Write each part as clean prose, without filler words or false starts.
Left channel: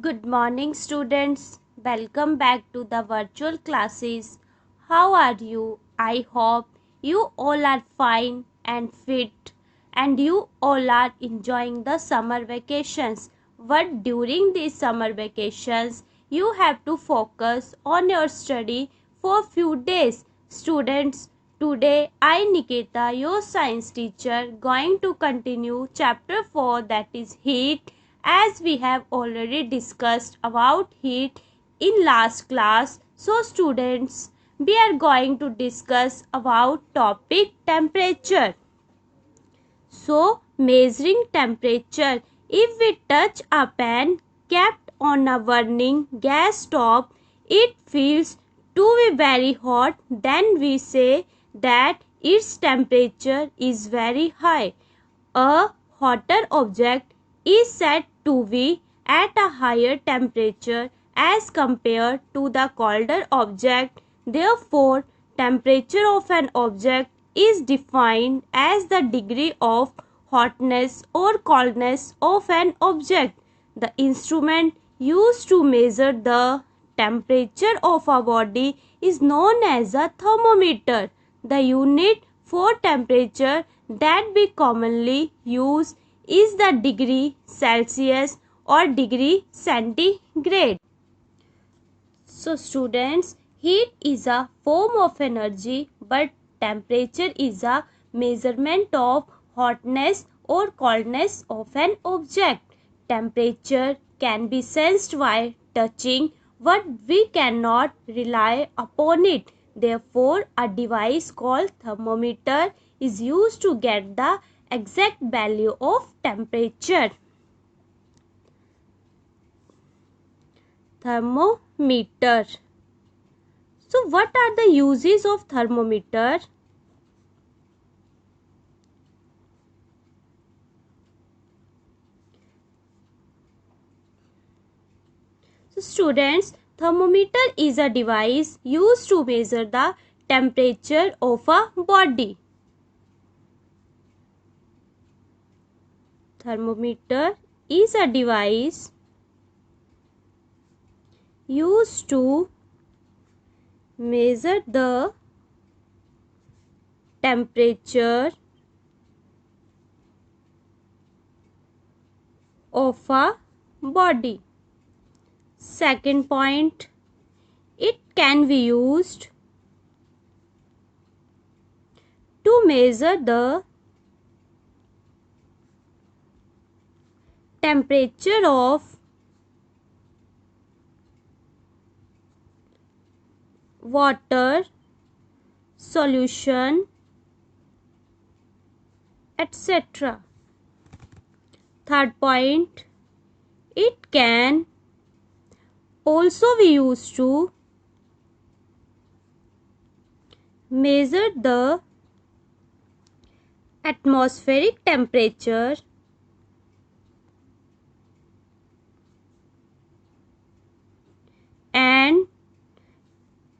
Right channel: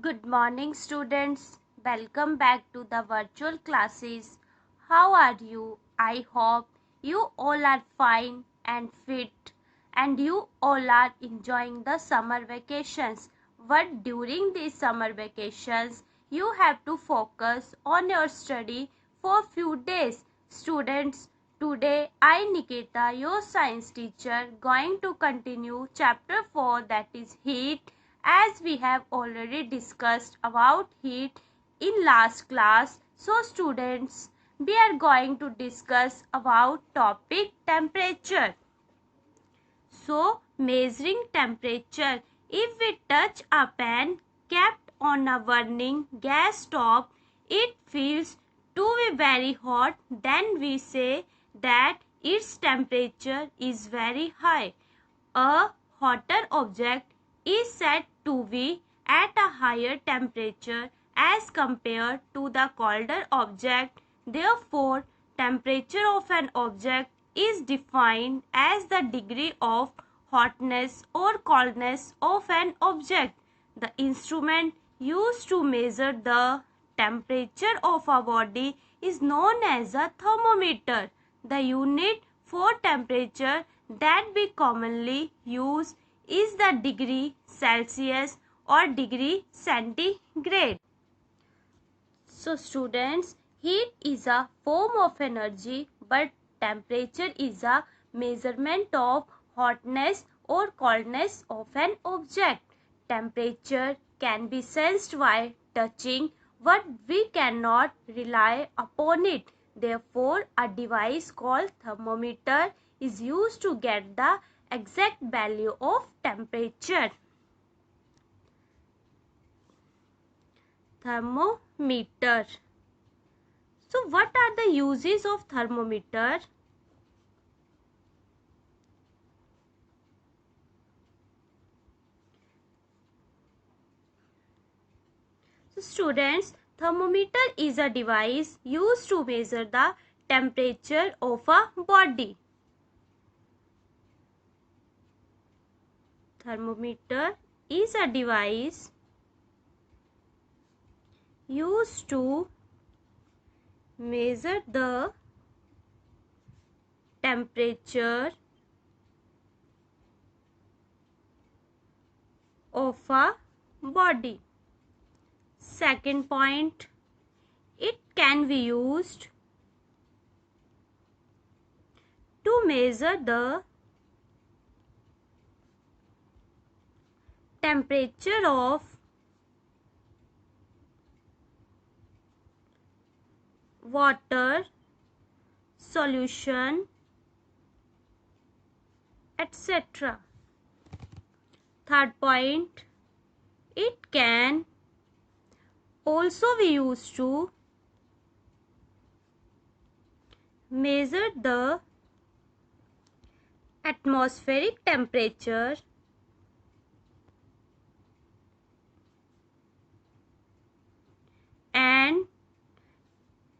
Good morning, students. Welcome back to the virtual classes. How are you? I hope you all are fine and fit, and you all are enjoying the summer vacations. But during these summer vacations, you have to focus on your study for few days. Students, today I, Nikita, your science teacher, going to continue chapter 4, that is heat, as we have already discussed about heat in last class. So students, we are going to discuss about topic temperature. So measuring temperature, if we touch a pan kept on a burning gas stove, it feels to be very hot, then we say that its temperature is very high. A hotter object is said to be at a higher temperature as compared to the colder object. Therefore, temperature of an object is defined as the degree of hotness or coldness of an object. The instrument used to measure the temperature of a body is known as a thermometer. The unit for temperature that we commonly use is the degree Celsius or degree centigrade. So students, heat is a form of energy, but temperature is a measurement of hotness or coldness of an object. Temperature can be sensed by touching, but we cannot rely upon it. Therefore, a device called thermometer is used to get the exact value of temperature. Thermometer. So what are the uses of thermometer? So students, thermometer is a device used to measure the temperature of a body. Thermometer is a device used to measure the temperature of a body. Second point, it can be used to measure the temperature of water solution, etc. Third point, it can also be used to measure the atmospheric temperature and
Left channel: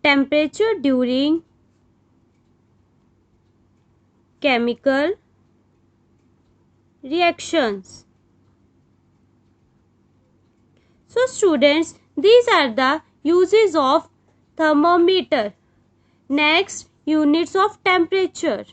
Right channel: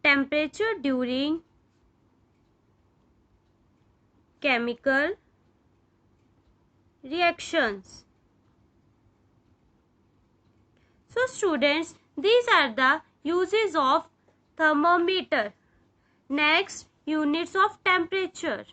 temperature during chemical reactions. So students, these are the uses of thermometer. Next, units of temperature.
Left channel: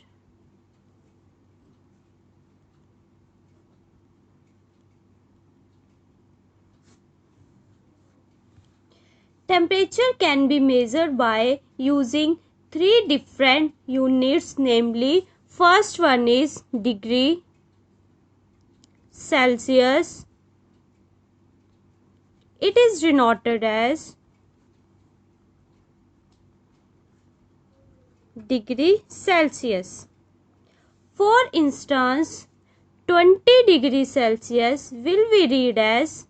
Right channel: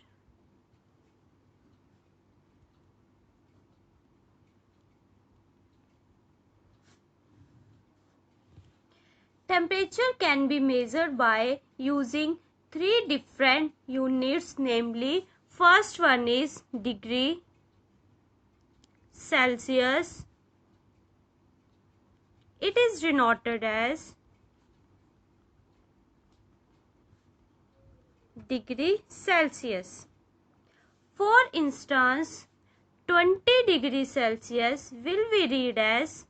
Temperature can be measured by using three different units, namely first one is degree Celsius. It is denoted as degree Celsius. For instance, 20 degrees Celsius will be read as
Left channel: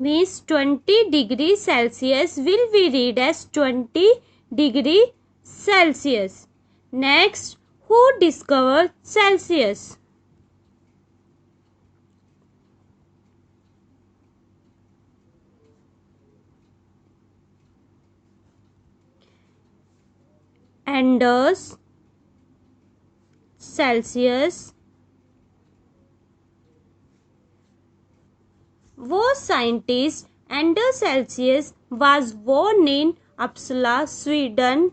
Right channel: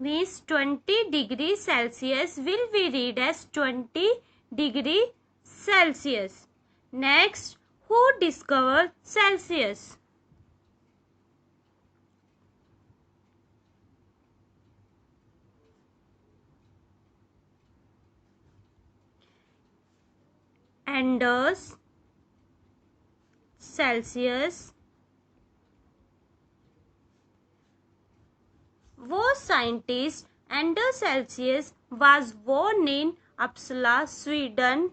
means 20 degrees Celsius will be read as 20 degree Celsius. Next, who discovered Celsius? Anders Celsius was scientist. Anders Celsius was born in Uppsala, Sweden.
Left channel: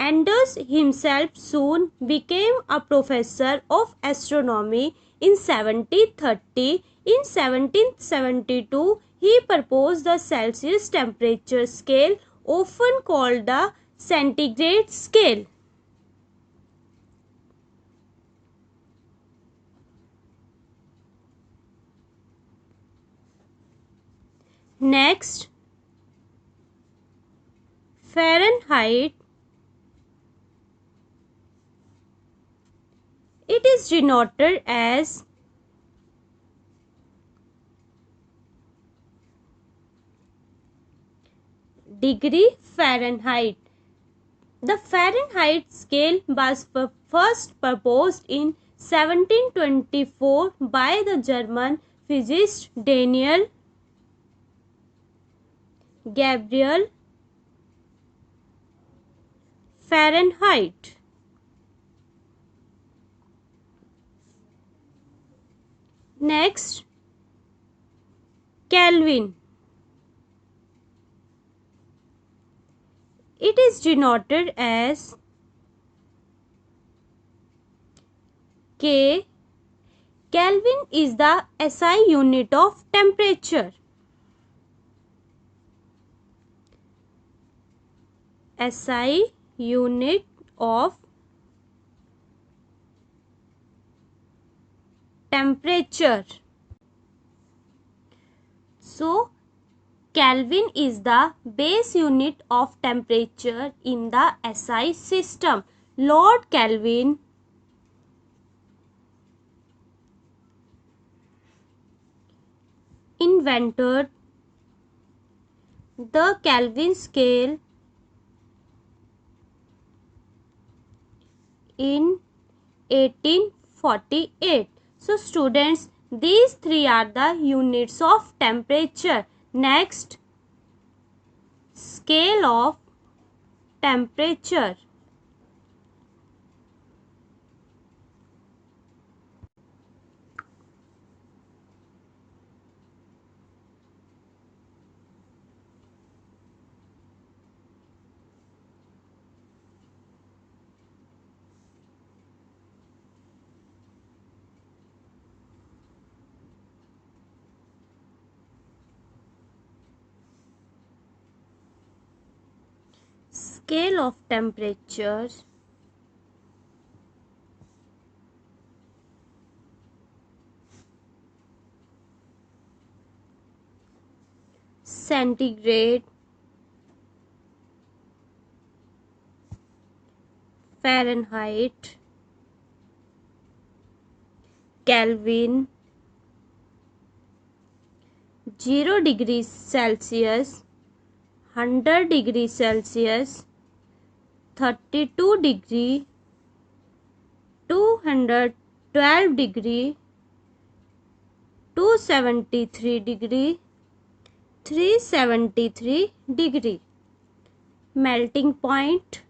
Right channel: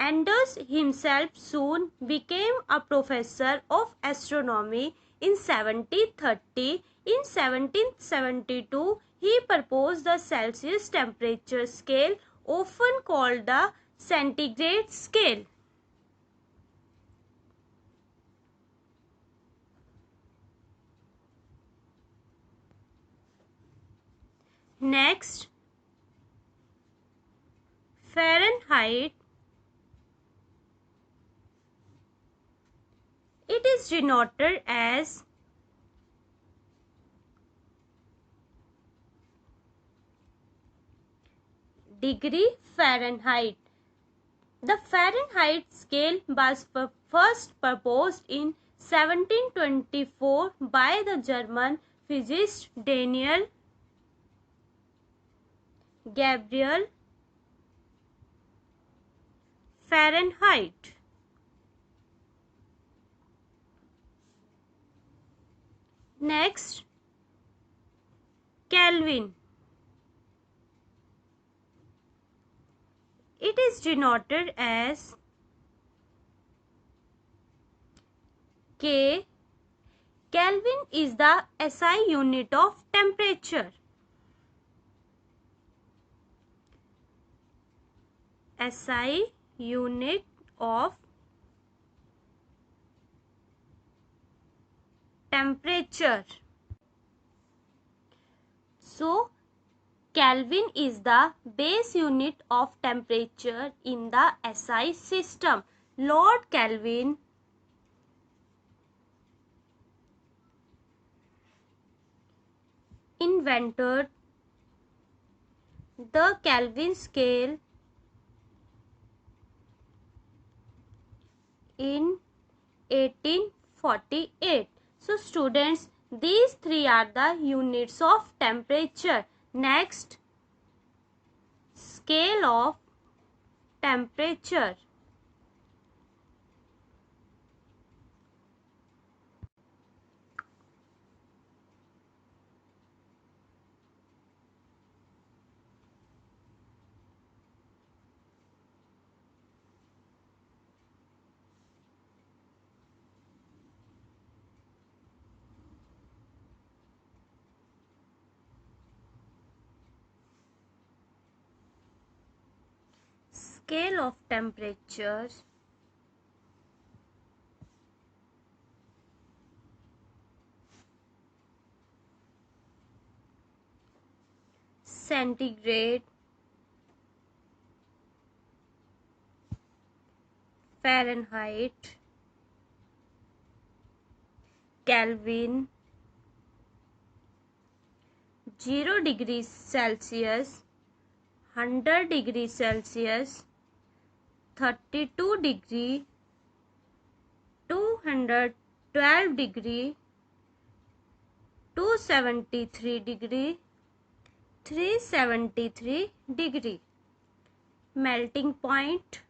Anders himself soon became a professor of astronomy in 1730. In 1772, he proposed the Celsius temperature scale, often called the centigrade scale. Next, Fahrenheit. It is denoted as degree Fahrenheit. The Fahrenheit scale was first proposed in 1724 by the German physicist Daniel Gabriel Fahrenheit. Next, Kelvin. It is denoted as K. Kelvin is the SI unit of temperature. SI unit of temperature. So, Kelvin is the base unit of temperature in the SI system. Lord Kelvin invented the Kelvin scale in 1848. So students, these three are the units of temperature. Next, scale of temperature. Scale of temperature. Centigrade, Fahrenheit, Kelvin, 0 degrees Celsius, 100 degrees Celsius, 32 degree, 212 degree, 273 degree, 373 degree. Melting point,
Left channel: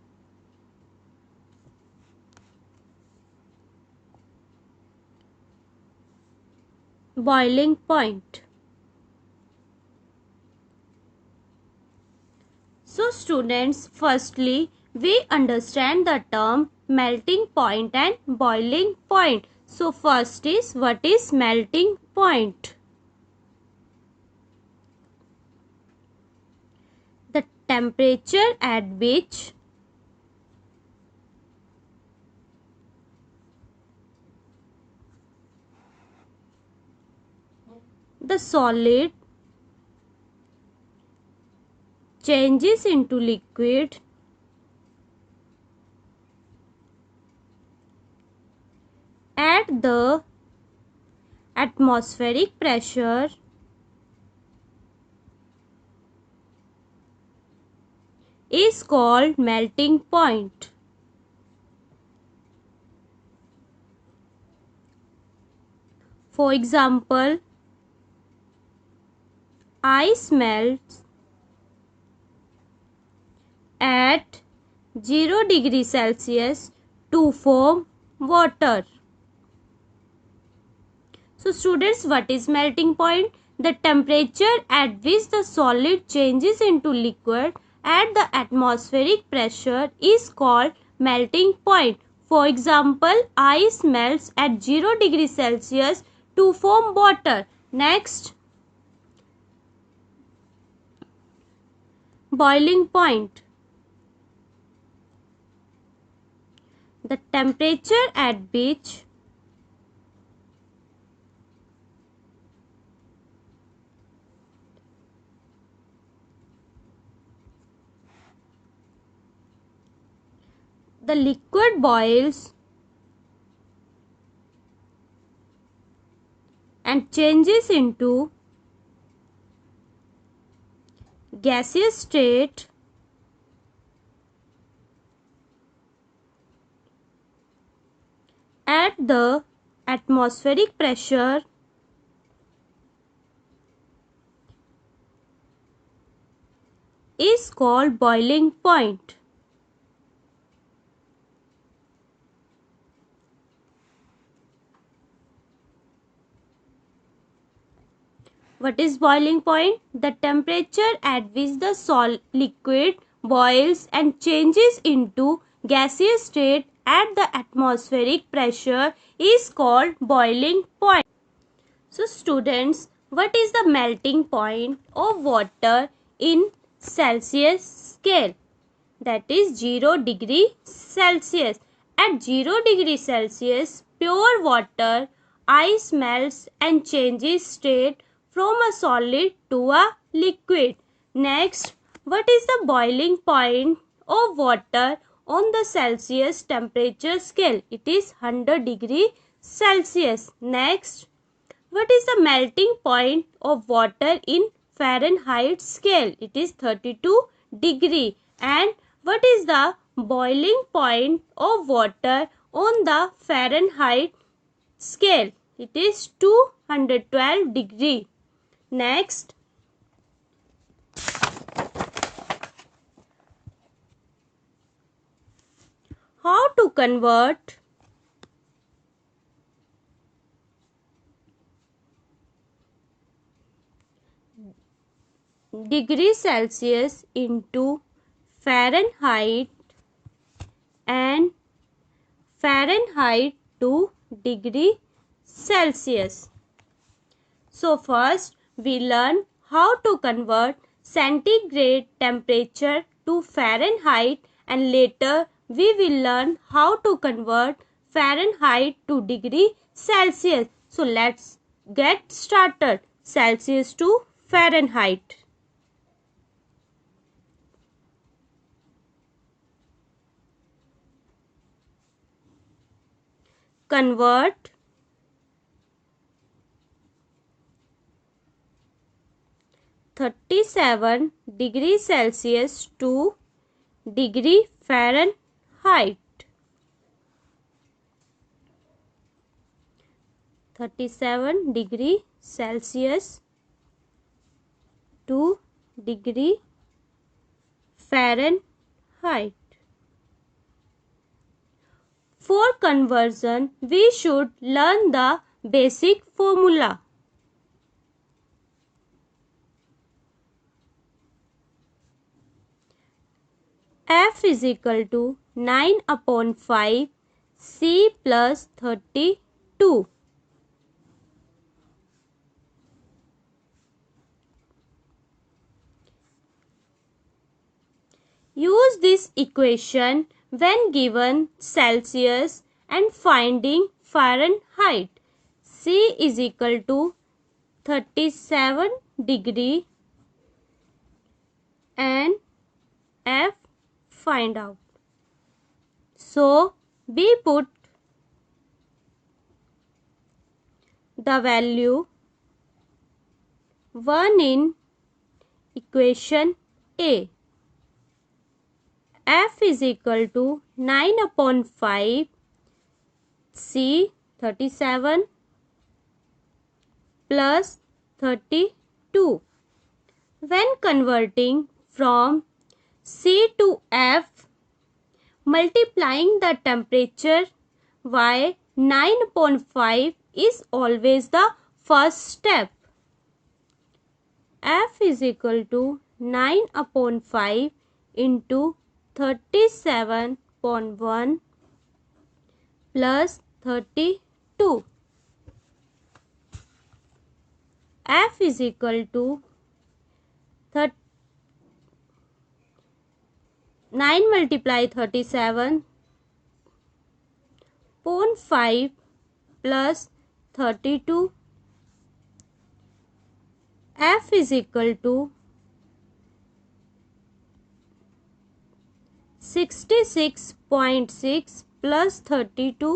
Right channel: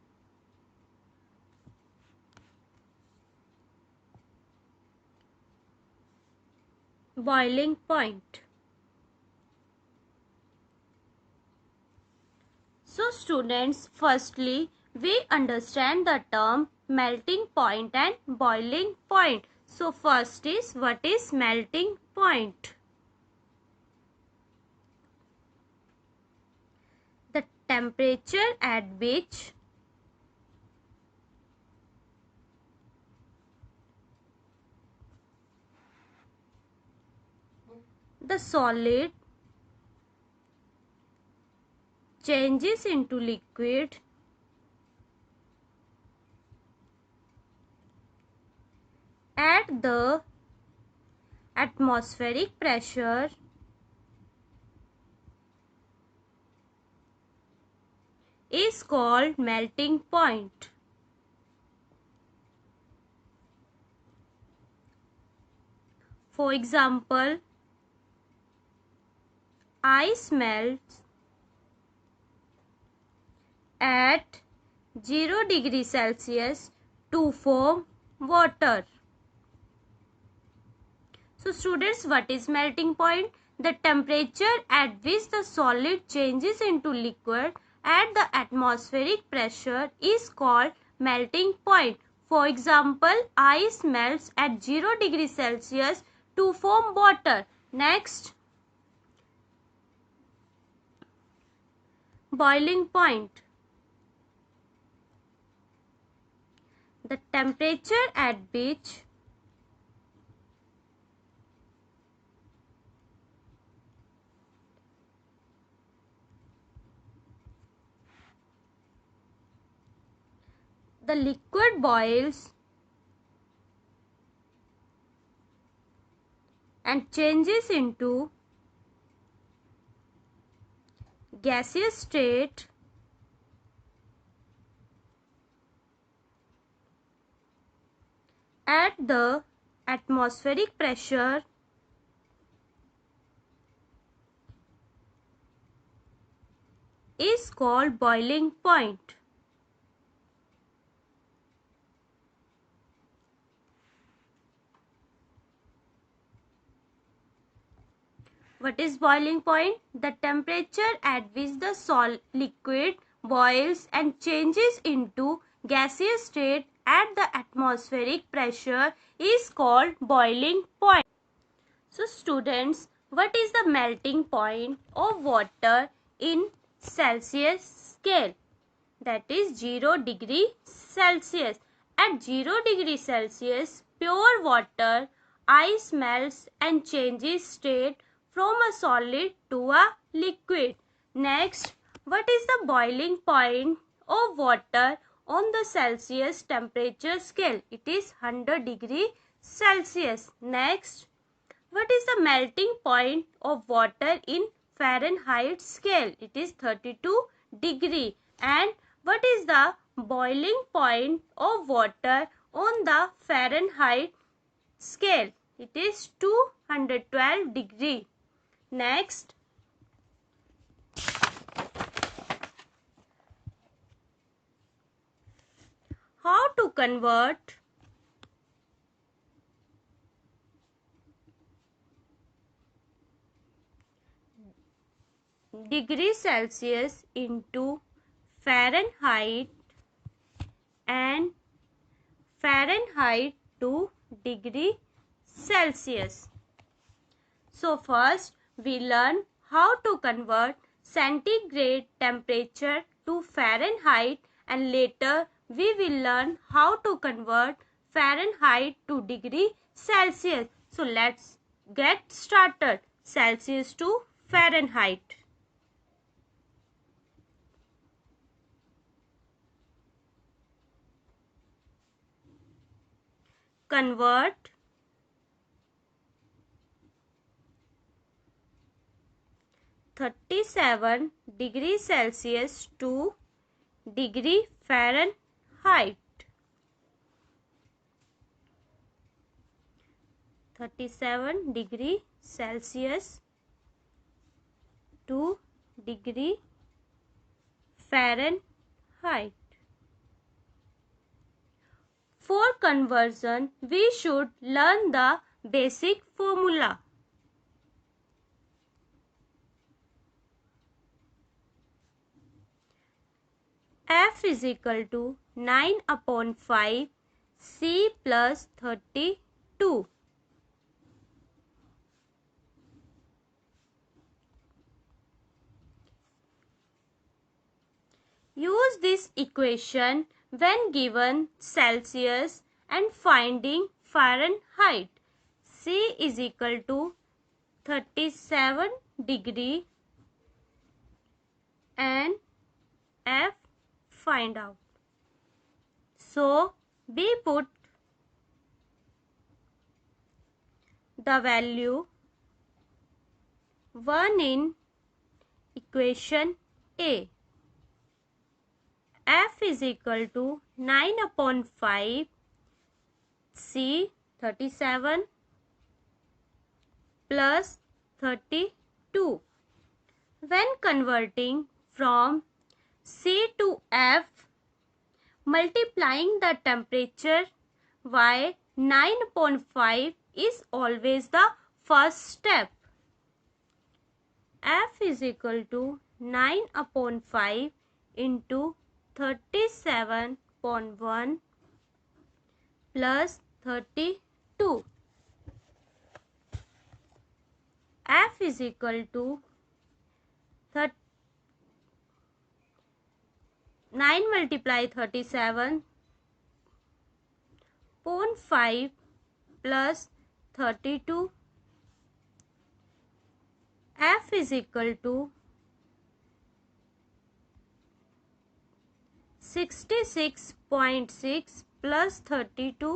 boiling point. So students, firstly we understand the term melting point and boiling point. So first is, what is melting point? The temperature at which the solid changes into liquid at the atmospheric pressure is called melting point. For example, ice melts at 0 degree Celsius to form water. So students, what is melting point? The temperature at which the solid changes into liquid at the atmospheric pressure is called melting point. For example, ice melts at 0 degree Celsius to form water. Next, boiling point. The temperature at which the liquid boils and changes into gaseous state at the atmospheric pressure is called boiling point. What is boiling point? The temperature at which the liquid boils and changes into gaseous state at the atmospheric pressure is called boiling point. So students, what is the melting point of water in Celsius scale? That is 0 degree Celsius. At 0 degree Celsius, pure water, ice melts and changes state from a solid to a liquid. Next, what is the boiling point of water on the Celsius temperature scale? It is 100 degree Celsius. Next, what is the melting point of water in Fahrenheit scale? It is 32 degree. And what is the boiling point of water on the Fahrenheit scale? It is 212 degree. Next, how to convert degree Celsius into Fahrenheit and Fahrenheit to degree Celsius. So first we learn how to convert centigrade temperature to Fahrenheit, and later we will learn how to convert Fahrenheit to degree Celsius. So let's get started. Celsius to Fahrenheit. Convert 37 degree Celsius to degree Fahrenheit. 37 degree Celsius to degree Fahrenheit. For conversion, we should learn the basic formula. F is equal to 9 upon 5 C plus 32. Use this equation when given Celsius and finding Fahrenheit. C is equal to 37 degree and F find out. So we put the value 1 in equation A. F is equal to 9 upon 5 C 37 plus 32. When converting from C to F, multiplying the temperature by 9/5 is always the first step. F is equal to 9/5 into 37/1 plus 32. F is equal to 9 multiply 37/5 plus 32. F is equal to 66.6 plus 32.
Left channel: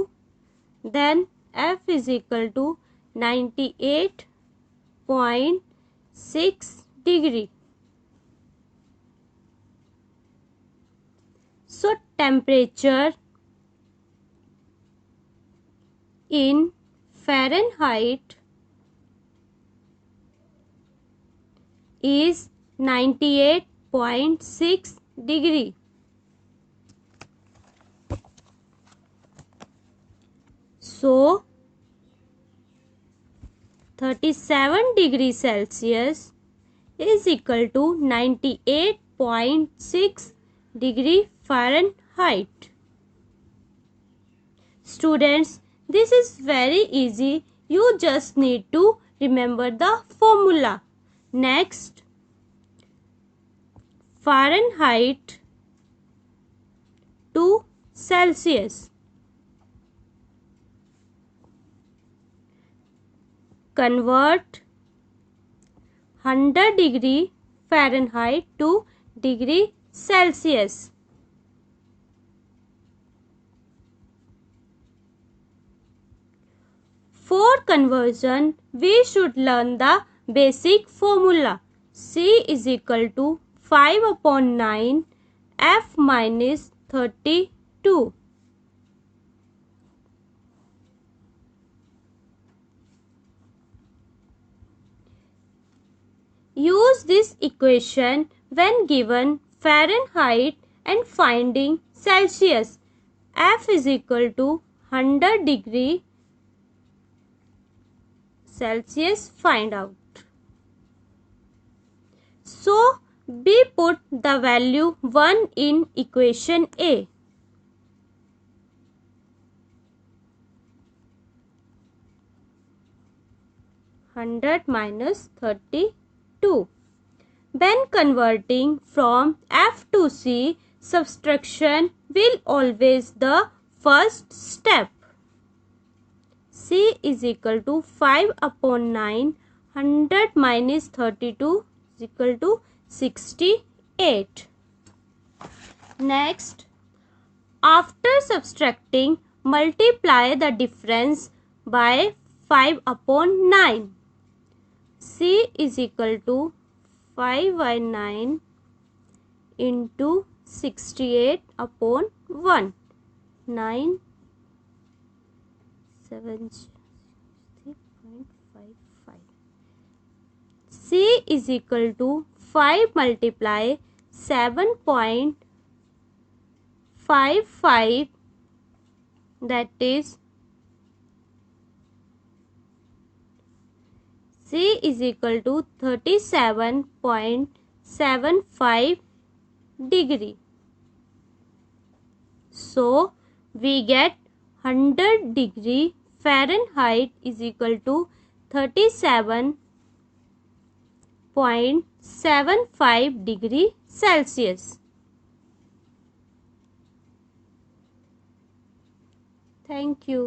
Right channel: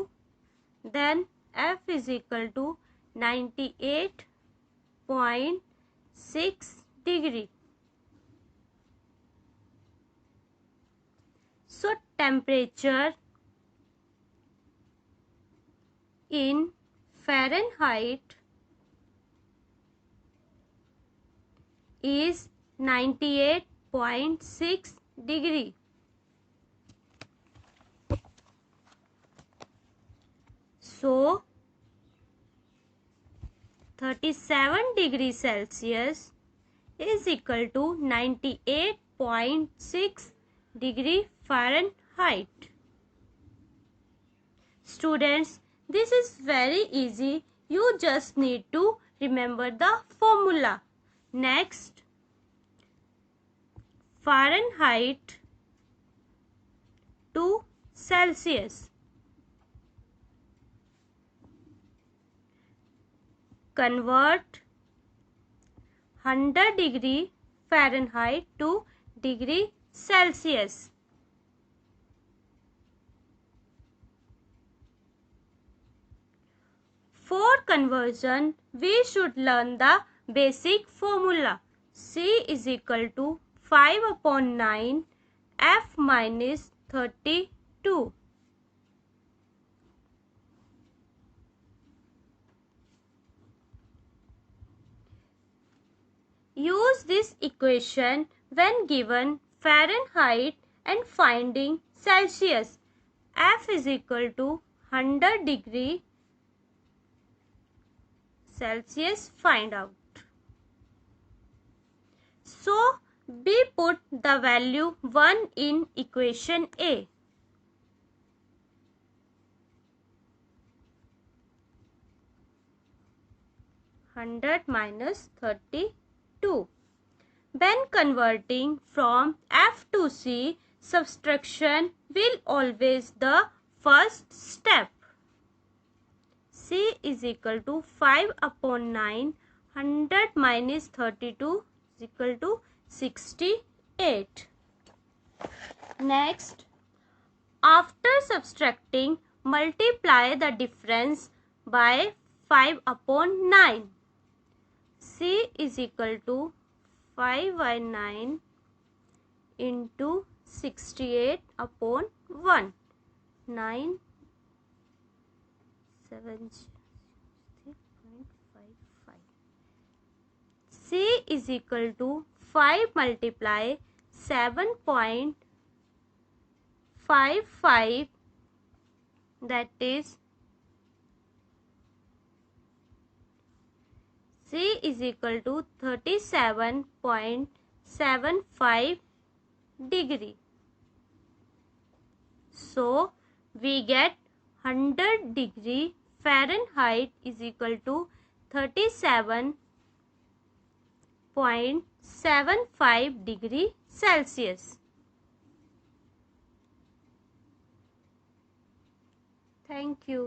Then F is equal to 98.6 degree. So temperature in Fahrenheit is 98.6 degree. So 37 degrees Celsius is equal to 98.6 degree Fahrenheit. Students, this is very easy. You just need to remember the formula. Next, Fahrenheit to Celsius. Convert 100 degree Fahrenheit to degree Celsius. For conversion, we should learn the basic formula. C is equal to 5/9 F minus 32. Use this equation when given Fahrenheit and finding Celsius. F is equal to 100 degree Celsius find out. So, we put the value 1 in equation A. (100 minus 32). When converting from F to C, subtraction will always the first step. C is equal to 5/9. 100 minus 32 is equal to 68. Next, after subtracting, multiply the difference by 5/9. C is equal to 5/9 into 68/1. 9 7.55. C is equal to 5 multiply 7.55, that is C is equal to 37.75 degree. So we get 100 degree Fahrenheit is equal to 37.75 degree Celsius. Thank you.